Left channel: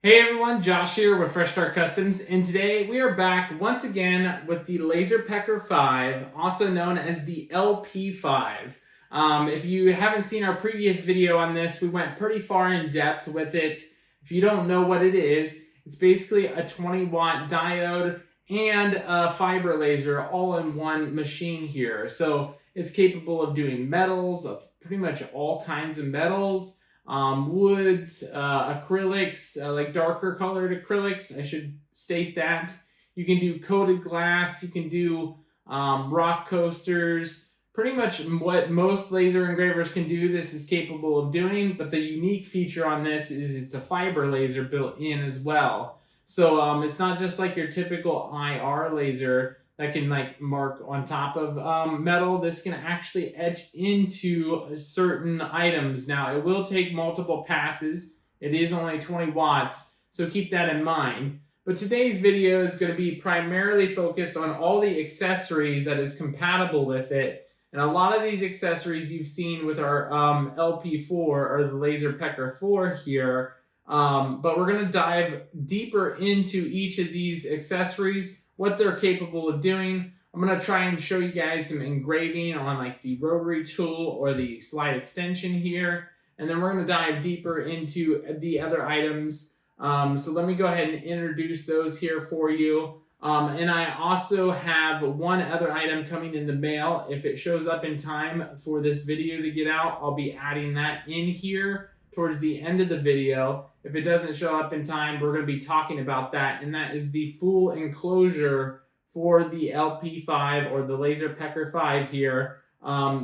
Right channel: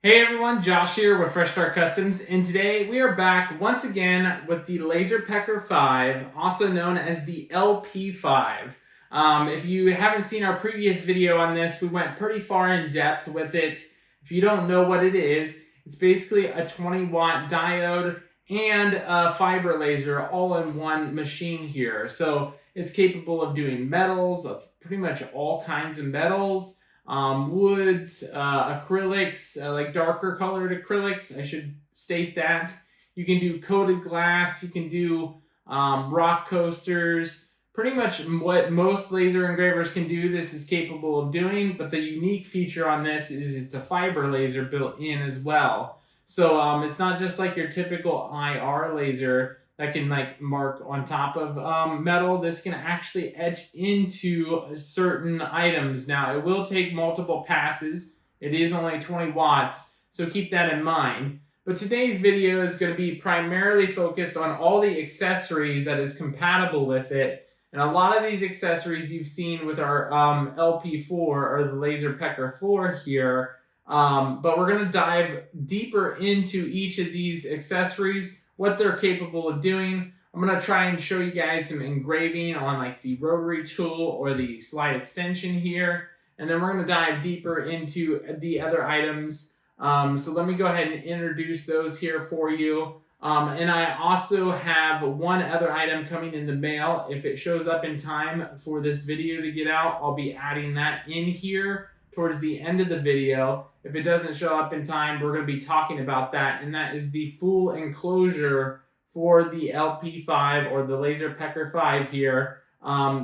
Hey everyone, Josh here with Fresh Start Customs, and today we are back once again with the LaserPecker 5, also known as the LP5. If you haven't seen our previous video on this, we went pretty far in depth with it. If you don't know what it is, it's basically a 20-watt diode and a fiber laser all in one machine here. So it's capable of doing metals, of pretty much all kinds of metals. Woods, acrylics, like darker colored acrylics, I should state that. You can do coated glass, you can do rock coasters, pretty much what most laser engravers can do, this is capable of doing, but the unique feature on this is it's a fiber laser built in as well. So it's not just like your typical IR laser that can like mark on top of metal. This can actually etch into certain items. Now, it will take multiple passes. It is only 20 watts, so keep that in mind. But today's video is going to be primarily focused on all the accessories that is compatible with it. And a lot of these accessories you've seen with our LP4 or the LaserPecker 4 here. But we're going to dive deeper into each of these accessories, what they're capable of doing. I'm going to try and show you guys some engraving on like the Rotary Tool or the slide extension here. And then we're going to dive deeper into the other items. So let me go ahead and introduce those here for you. And I also have one other item coming in the mail. If it shows up in time for this video to get out, I'll be adding that in here towards the end of the video. If it doesn't show up in time, we're going to be talking about that, and that is the full enclosure for the LP5 or the LaserPecker 5 here.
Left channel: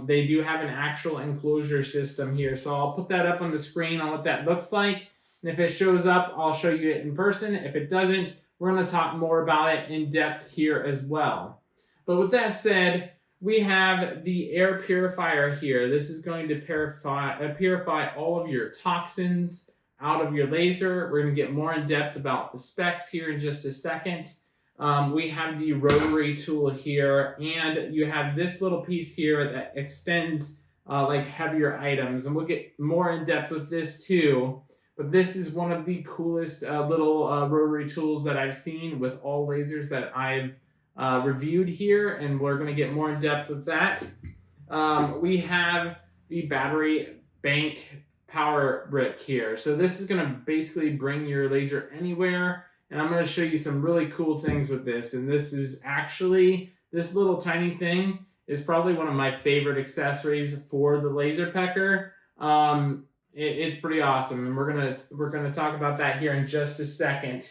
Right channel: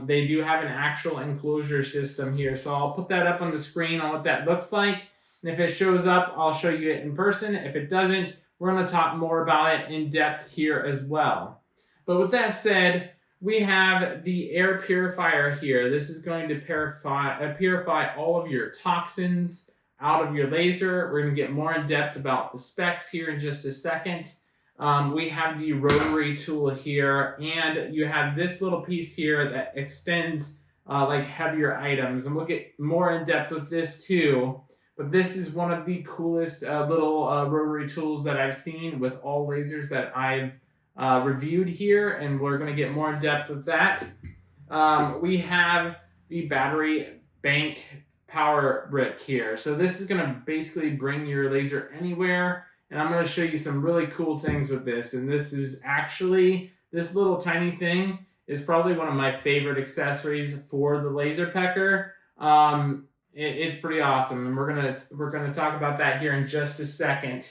They do have an actual enclosure system here, so I'll put that up on the screen on what that looks like. And if it shows up, I'll show you it in person. If it doesn't, we're going to talk more about it in depth here as well. But with that said, we have the air purifier here. This is going to purify all of your toxins out of your laser. We're going to get more in depth about the specs here in just a second. We have the rotary tool here, and you have this little piece here that extends like heavier items, and we'll get more in depth with this too. But this is one of the coolest little rotary tools that I've seen with all lasers that I've reviewed here, and we're going to get more in depth with that. We have the battery bank power brick here. So this is going to basically bring your laser anywhere, and I'm going to show you some really cool things with this. And this is actually, this little tiny thing is probably one of my favorite accessories for the LaserPecker. It's pretty awesome, and we're gonna talk about that here in just a second.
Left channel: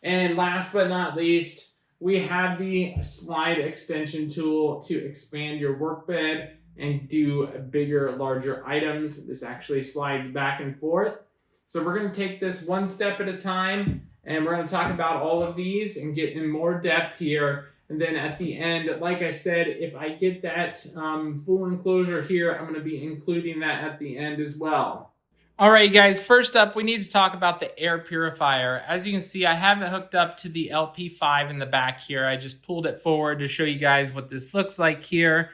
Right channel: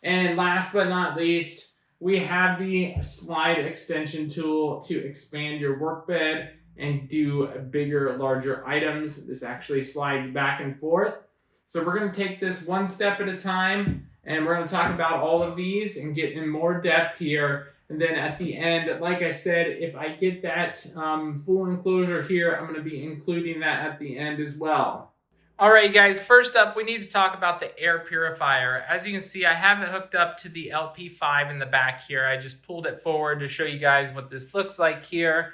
And last but not least, we have the slide extension tool to expand your workbed and do bigger, larger items. This actually slides back and forth. So we're going to take this one step at a time, and we're going to talk about all of these and get in more depth here. And then at the end, like I said, if I get that full enclosure here, I'm going to be including that at the end as well. All right, guys, first up, we need to talk about the air purifier. As you can see, I have it hooked up to the LP5 in the back here. I just pulled it forward to show you guys what this looks like here.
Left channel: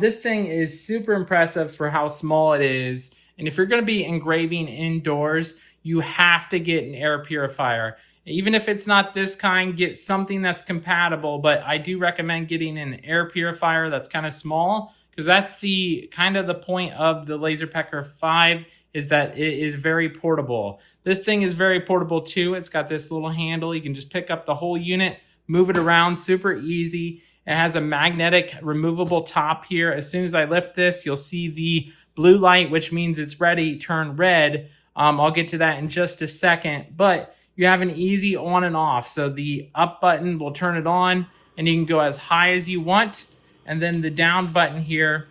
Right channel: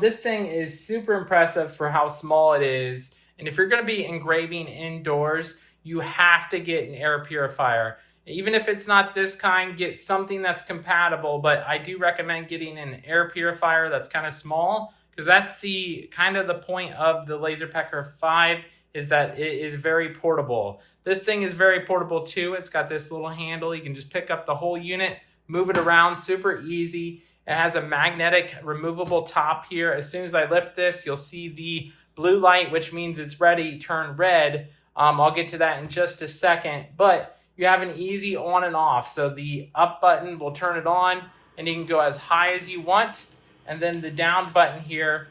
This thing is super impressive for how small it is. And if you're going to be engraving indoors, you have to get an air purifier. Even if it's not this kind, get something that's compatible. But I do recommend getting an air purifier that's kind of small, because that's the kind of the point of the LaserPecker 5, is that it is very portable. This thing is very portable too. It's got this little handle. You can just pick up the whole unit, move it around, super easy. It has a magnetic removable top here. As soon as I lift this, you'll see the blue light, which means it's ready, turn red. I'll get to that in just a second, but you have an easy on and off. So the up button will turn it on, and you can go as high as you want. And then the down button here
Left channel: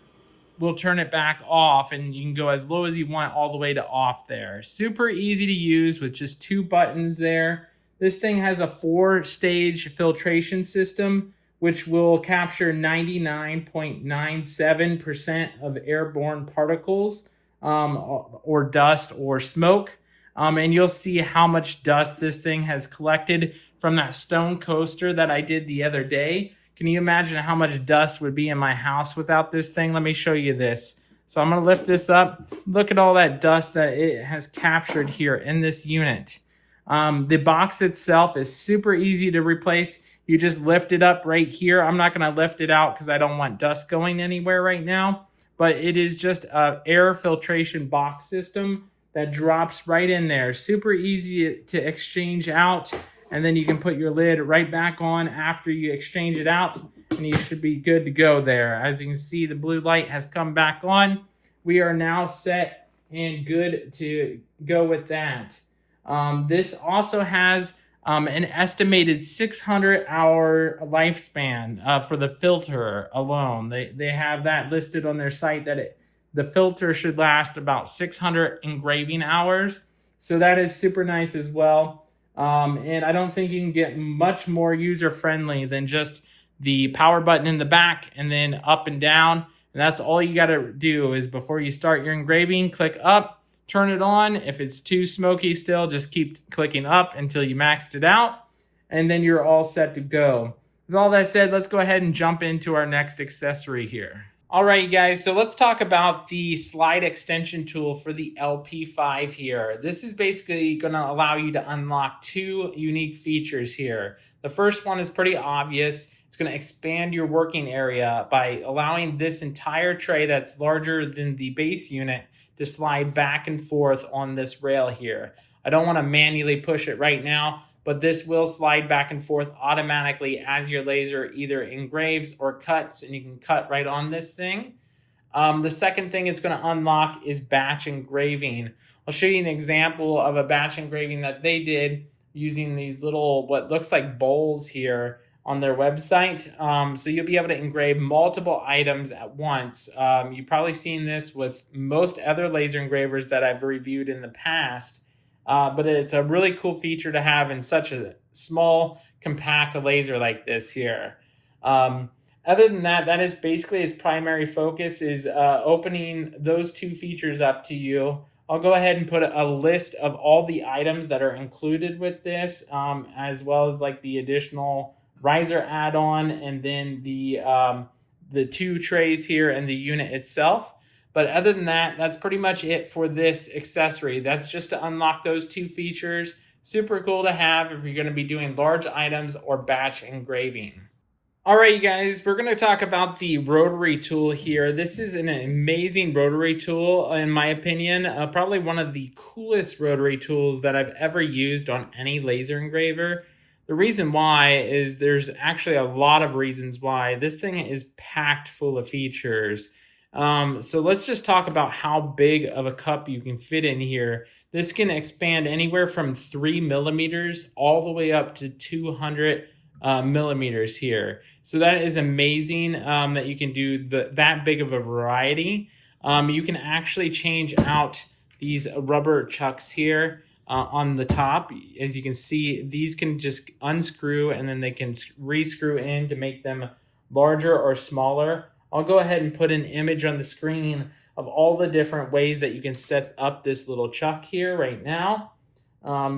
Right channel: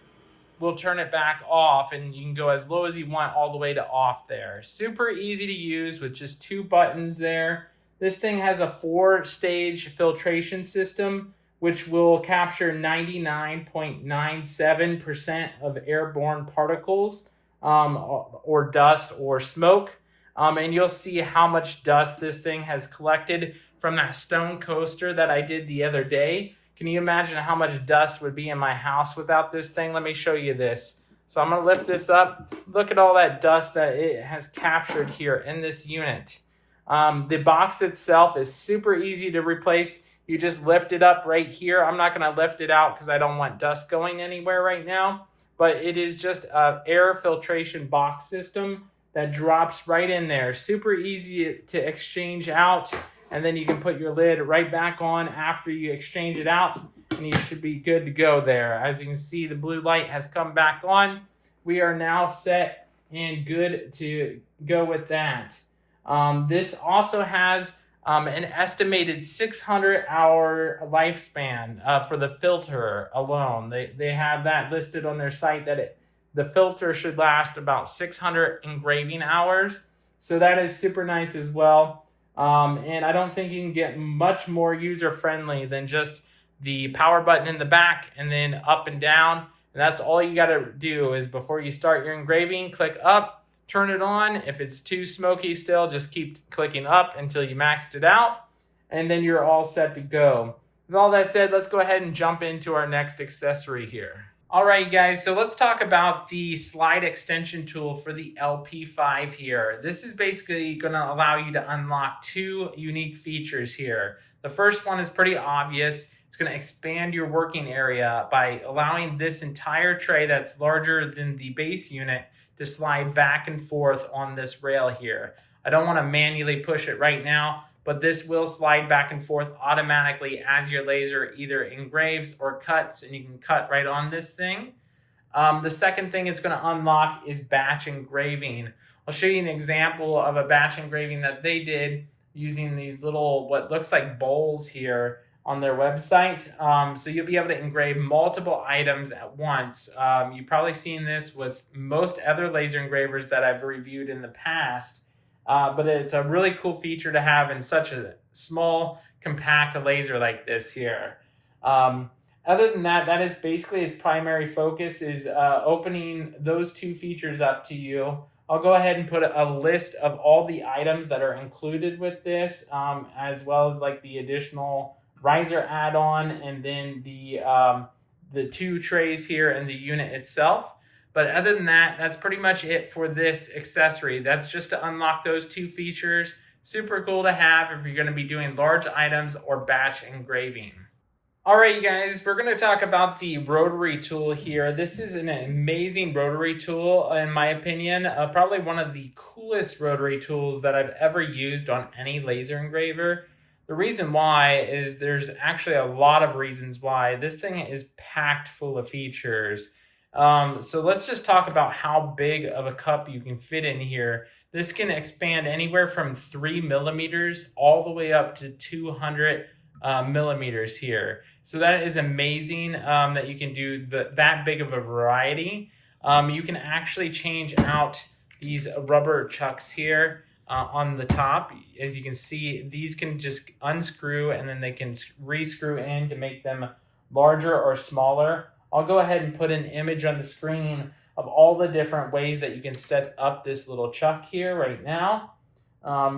will turn it back off, and you can go as low as you want all the way to off there. Super easy to use with just 2 buttons there. This thing has a 4-stage filtration system, which will capture 99.97% of airborne particles or dust or smoke. And you'll see how much dust this thing has collected from that stone coaster that I did the other day. Can you imagine how much dust would be in my house without this thing? Let me show you this. So I'm going to lift this up. Look at all that dust that it has captured here in this unit. The box itself is super easy to replace. You just lift it up right here. I'm not going to lift it out because I don't want dust going anywhere right now, but it is just an air filtration box system that drops right in there. Super easy to exchange out, and then you can put your lid right back on after you exchange it out, and you should be good to go there. As you can see, the blue light has come back on. We are now set and good to go with that. This also has an estimated 600-hour lifespan for the filter alone. They have that listed on their site that the filter should last about 600 engraving hours. So that is super nice as well. And I don't think you can get much more user-friendly than just the power button in the back and then up and down. And that's all you got to do is before you start your engraving, click up, turn it on. If it's too smoky still, just keep clicking up until you maxed it out, and then you're all set to go. With all that said, let's go ahead and jump into our next accessory here. All right, guys, so let's talk about the slide extension tool for the LP5 here. This is basically going to allow you to unlock two unique features here. The first one is pretty obvious. It's going to expand your working area by allowing this entire tray that's larger than the base unit to slide back and forth on this rail here. I don't want to manually push it right now, but this will slide back and forth automatically as your laser either engraves or cuts, and you can cut right on this thing. The second thing it's going to unlock is batch engraving. I'll show you an example of a batch engraving that they did using these little, what looks like bowls here on their website. So you'll be able to engrave multiple items at once. You've probably seen this with most other laser engravers that I've reviewed in the past, but it's a really cool feature to have in such a small, compact laser like this here. Other than that, that is basically its primary focus, is opening those two features up to you. I'll go ahead and put a list of all the items that are included with this, as well as like the additional riser add-on, and then the two trays here and the unit itself. But other than that, that's pretty much it for this accessory. That's just to unlock those two features. Super cool to have if you're going to be doing large items or batch engraving. All right, you guys, we're going to talk about the Rotary Tool here. This is an amazing Rotary Tool, in my opinion. Probably one of the coolest Rotary tools that I've ever used on any laser engraver. The reason why is there's actually a lot of reasons why. This thing is packed full of features. So let's just talk about how big of a cup you can fit in here. This can expand anywhere from 3 millimeters all the way up to 200 millimeters here. So that is amazing that you can do that big of a variety. You can actually change out these rubber chucks here on the top. As you can see, these can just unscrew and then they can re-screw in to make them larger or smaller. I'll go ahead and put an image on the screen of all the different ways that you can set up this little chuck here right now.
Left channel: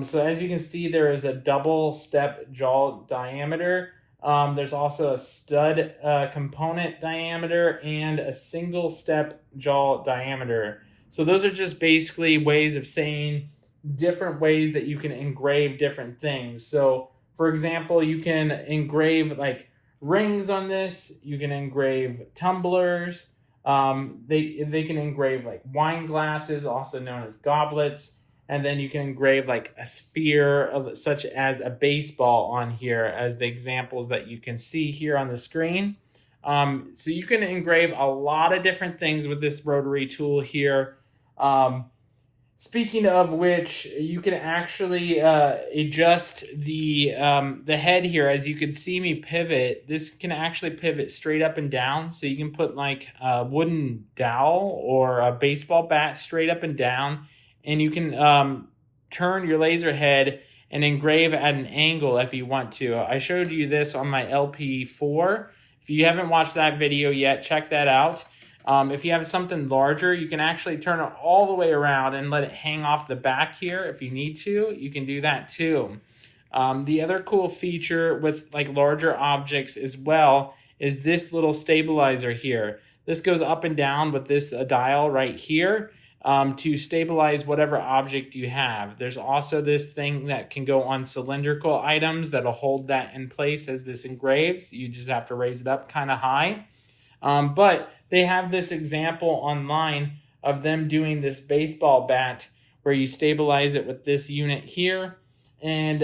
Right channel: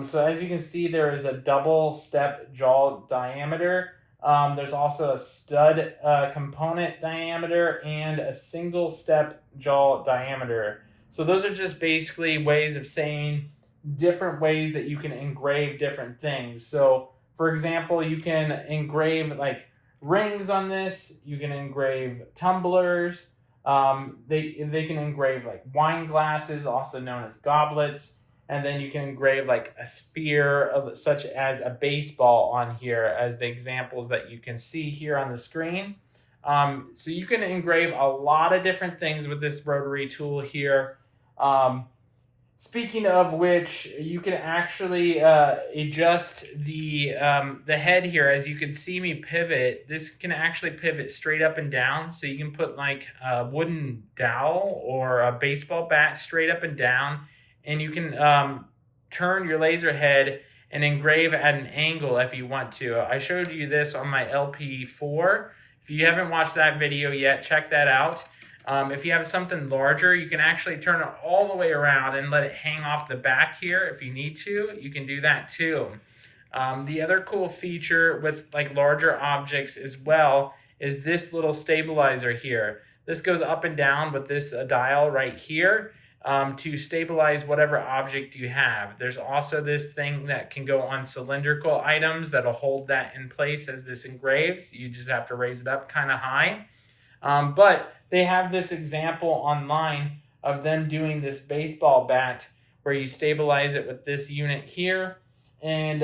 So as you can see, there is a double step jaw diameter. There's also a stud component diameter and a single step jaw diameter. So those are just basically ways of saying different ways that you can engrave different things. So for example, you can engrave like rings on this. You can engrave tumblers. They can engrave like wine glasses, also known as goblets. And then you can engrave like a sphere, such as a baseball, on here as the examples that you can see here on the screen. So you can engrave a lot of different things with this rotary tool here. Speaking of which, you can actually adjust the head here. As you can see me pivot, this can actually pivot straight up and down. So you can put like a wooden dowel or a baseball bat straight up and down. And you can turn your laser head and engrave at an angle if you want to. I showed you this on my LP4. If you haven't watched that video yet, check that out. If you have something larger, you can actually turn it all the way around and let it hang off the back here. If you need to, you can do that too. The other cool feature with like larger objects as well is this little stabilizer here. This goes up and down with this dial right here. to stabilize whatever object you have. There's also this thing that can go on cylindrical items that'll hold that in place as this engraves. You just have to raise it up kind of high. But they have this example online of them doing this baseball bat where you stabilize it with this unit here, and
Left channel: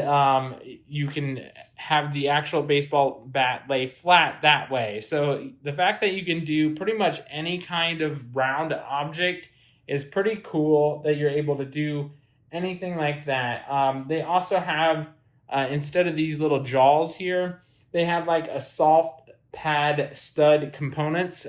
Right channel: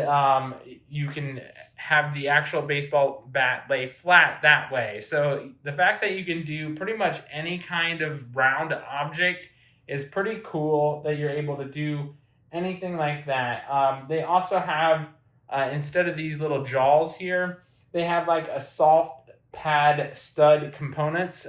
you can have the actual baseball bat lay flat that way. So the fact that you can do pretty much any kind of round object is pretty cool, that you're able to do anything like that. They also have, instead of these little jaws here, they have like a soft pad stud components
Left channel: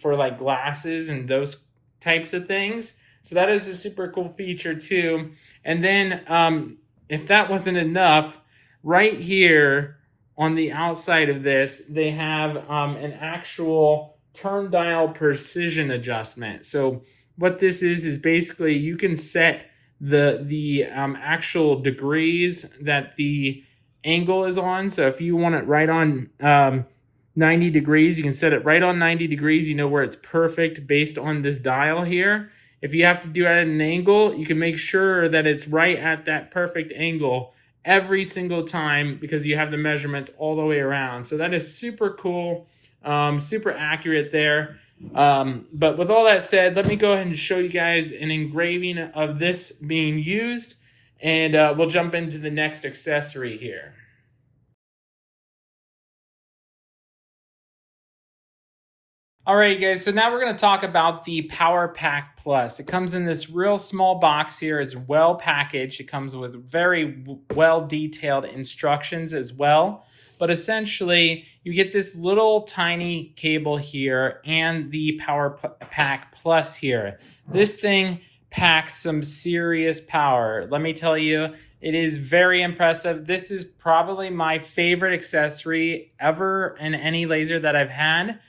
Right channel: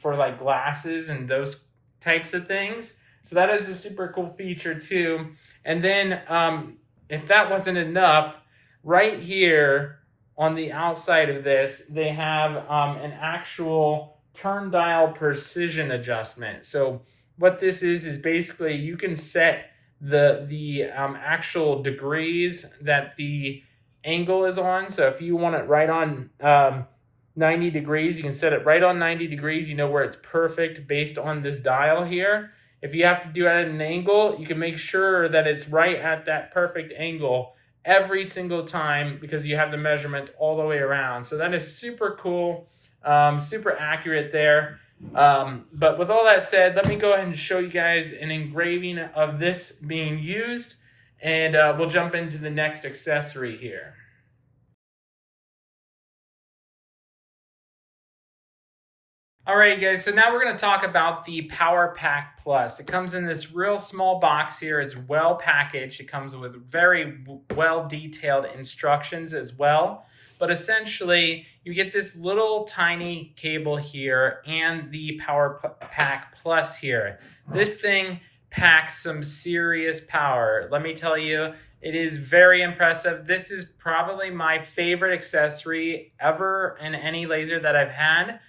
for like glasses and those types of things. So that is a super cool feature too. And then if that wasn't enough, right here on the outside of this, they have an actual turn dial precision adjustment. So what this is basically you can set the actual degrees that the angle is on. So if you want it right on 90 degrees, you can set it right on 90 degrees. You know where it's perfect based on this dial here. If you have to do it at an angle, you can make sure that it's right at that perfect angle every single time, because you have the measurement all the way around. So that is super cool, super accurate there. But with all that said, let me go ahead and show you guys an engraving of this being used, and we'll jump into the next accessory here. All right, guys, so now we're going to talk about the PowerPack Plus. It comes in this real small box here. It's well packaged. It comes with very well detailed instructions as well. But essentially, you get this little tiny cable here and the PowerPack Plus here. This thing packs some serious power. Let me tell you, it is very impressive. This is probably my favorite accessory ever in any laser that I've had.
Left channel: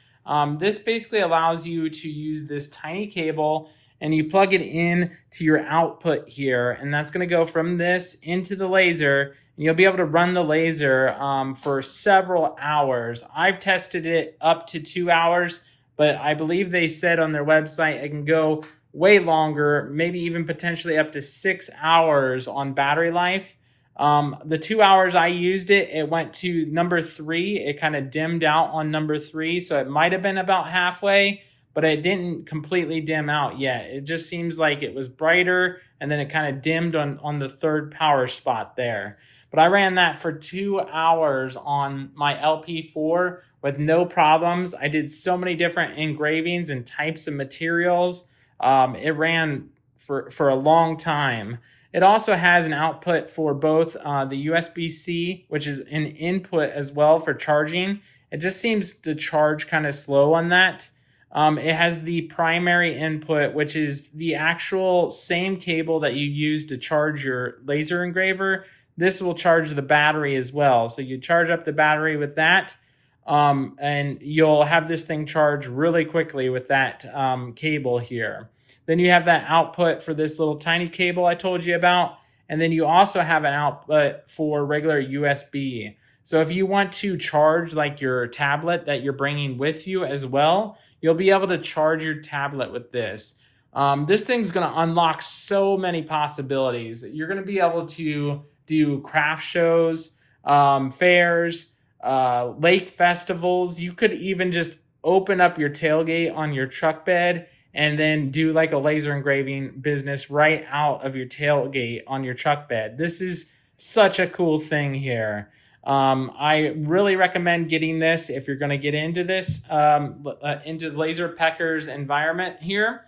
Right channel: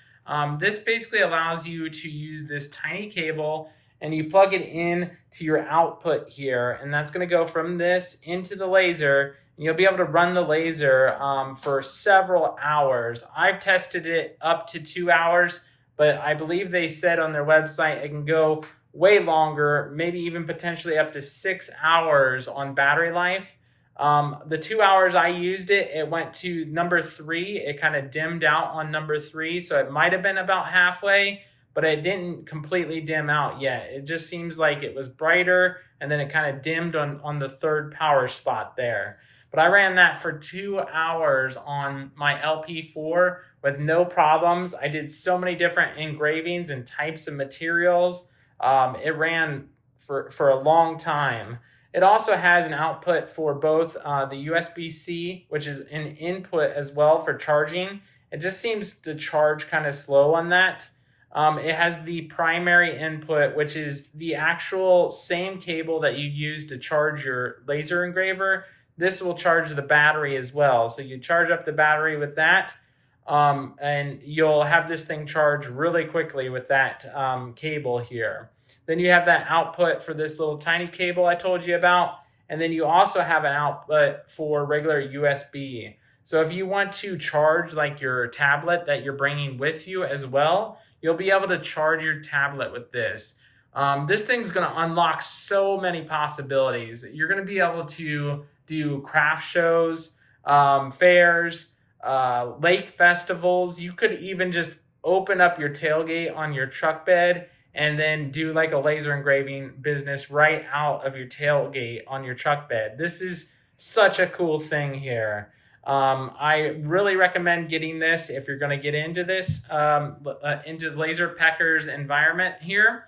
This basically allows you to use this tiny cable, and you plug it in to your output here, and that's going to go from this into the laser. And you'll be able to run the laser for several hours. I've tested it up to 2 hours, but I believe they said on their website it can go way longer, maybe even potentially up to 6 hours on battery life. The 2 hours I used it, it went to number 3. It kind of dimmed out on number 3, so it might have been about halfway, but it didn't completely dim out yet. It just seems like it was brighter, and then it kind of dimmed on the third power spot there. But I ran that for 2 hours on my LP4 with no problems. I did so many different engravings and types of materials. It ran for a long time. It also has an output for both the USB-C, which is an input as well for charging. It just seems to charge kind of slow on that. It has the primary input, which is the actual same cable that you use to charge your laser engraver. This will charge the battery as well. So you charge up the battery with that, and you'll have this thing charge really quickly with that cable here. Then you have that output for this little tiny cable I told you about. And then you also have an output for regular USB. So if you want to charge like your tablet that you're bringing with you as well, you'll be able to charge your tablet with this. This thing's going to unlock so many possibilities. You're going to be able to do craft shows, fairs, lake festivals. You could even just open up your tailgate on your truck bed and then do like a laser engraving business right out of your tailgate on your truck bed. This is such a cool thing here. I really recommend getting this if you're going to get into this, into LaserPecker's environment here.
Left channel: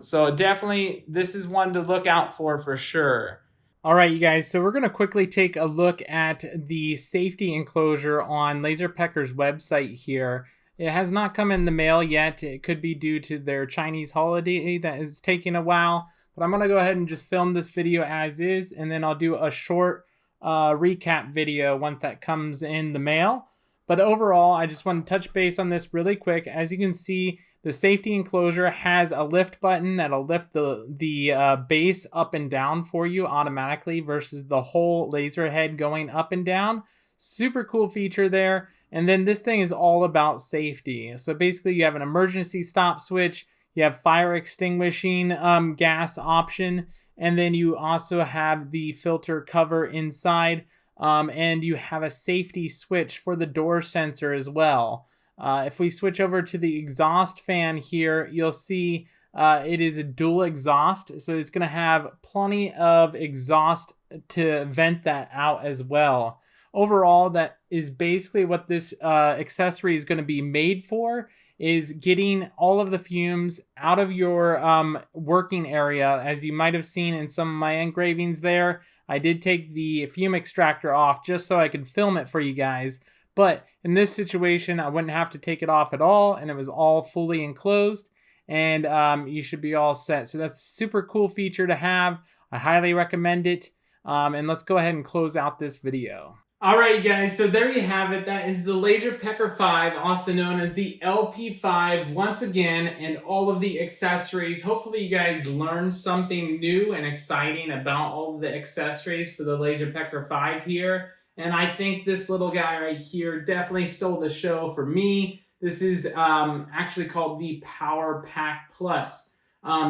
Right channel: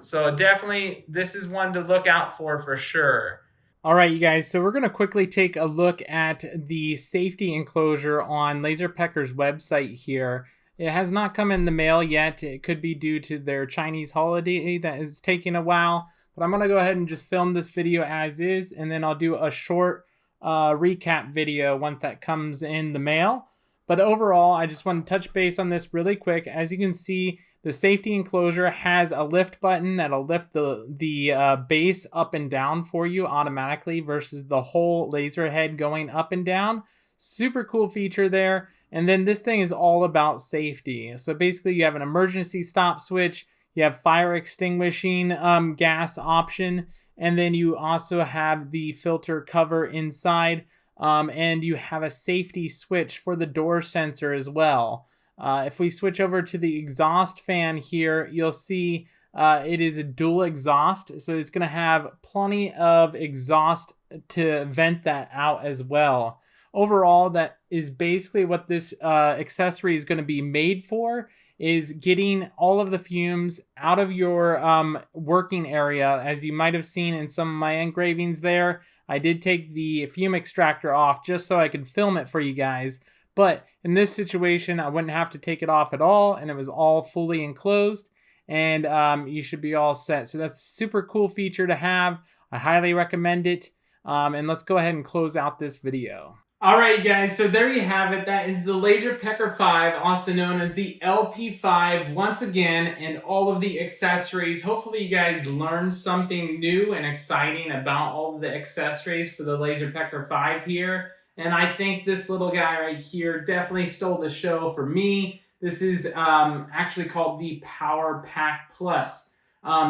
So definitely, this is one to look out for sure. All right, you guys, so we're going to quickly take a look at the safety enclosure on LaserPecker's website here. It has not come in the mail yet. It could be due to their Chinese holiday that is taking a while. But I'm going to go ahead and just film this video as is, and then I'll do a short recap video once that comes in the mail. But overall, I just want to touch base on this really quick. As you can see, the safety enclosure has a lift button that'll lift the base up and down for you automatically versus the whole laser head going up and down. Super cool feature there. And then this thing is all about safety. So basically you have an emergency stop switch, You have fire extinguishing gas option, and then you also have the filter cover inside, and you have a safety switch for the door sensor as well. If we switch over to the exhaust fan here, you'll see it is a dual exhaust, so it's going to have plenty of exhaust to vent that out as well. Overall, that is basically what this accessory is going to be made for, is getting all of the fumes out of your working area. As you might have seen in some of my engravings there, I did take the fume extractor off just so I could film it for you guys. But in this situation, I wouldn't have to take it off at all, and it was all fully enclosed, and you should be all set. So that's a super cool feature to have. I highly recommend it. And let's go ahead and close out this video. Alright guys, so there you have it. That is the LaserPecker 5, also known as the LP5, once again, and all of the accessories. Hopefully you guys learned something new and exciting about all of the accessories for the LaserPecker 5 here. And I think this little guy right here definitely stole the show for me. This is actually called the PowerPack Plus.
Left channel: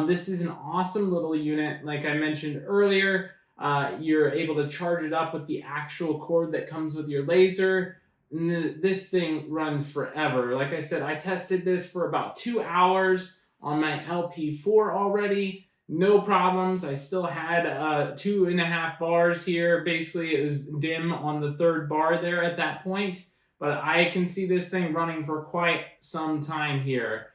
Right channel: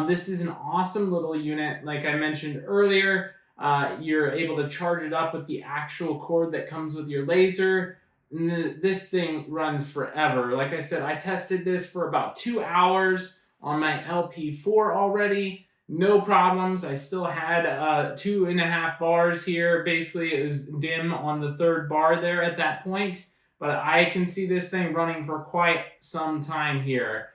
This is an awesome little unit, like I mentioned earlier. You're able to charge it up with the actual cord that comes with your laser. This thing runs forever. Like I said, I tested this for about 2 hours on my LP4 already. No problems. I still had 2.5 bars here. Basically, it was dim on the 3rd bar there at that point. But I can see this thing running for quite some time here.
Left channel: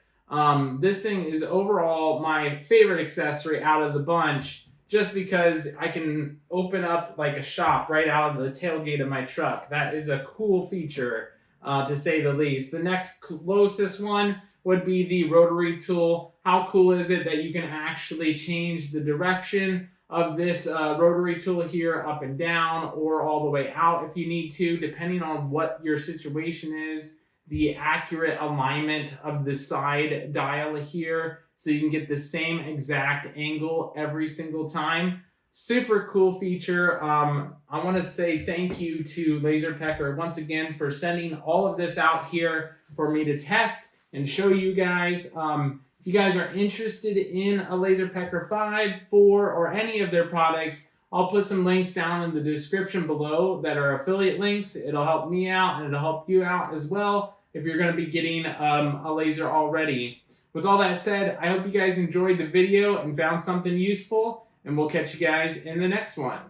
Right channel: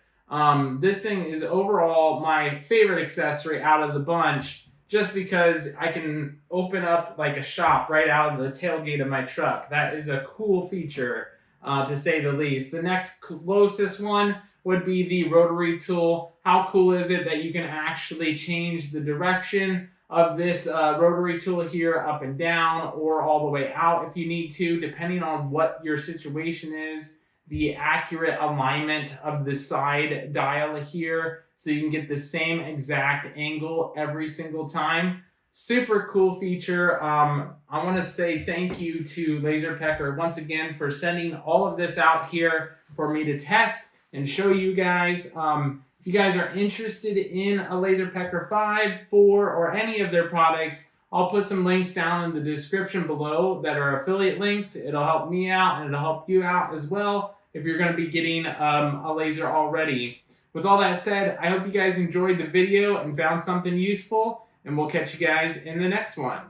This thing is overall my favorite accessory out of the bunch, just because I can open up like a shop right out of the tailgate of my truck. That is a cool feature, to say the least. The next closest one would be the Rotary Tool. How cool is it that you can actually change the direction of this rotary tool here up and down, or all the way out if you need to, depending on what your situation is. The accurate alignment of the side dial here, so you can get the same exact angle every single time. Super cool feature. I want to say thank you to LaserPecker once again for sending all of this out here for me to test and show you guys. If you guys are interested in a LaserPecker 5, 4, or any of their products, I'll put some links down in the description below that are affiliate links. It'll help me out, and it'll help you out as well if you're going to be getting a laser already. With all that said, I hope you guys enjoyed the video and found something useful, and we'll catch you guys in the next one.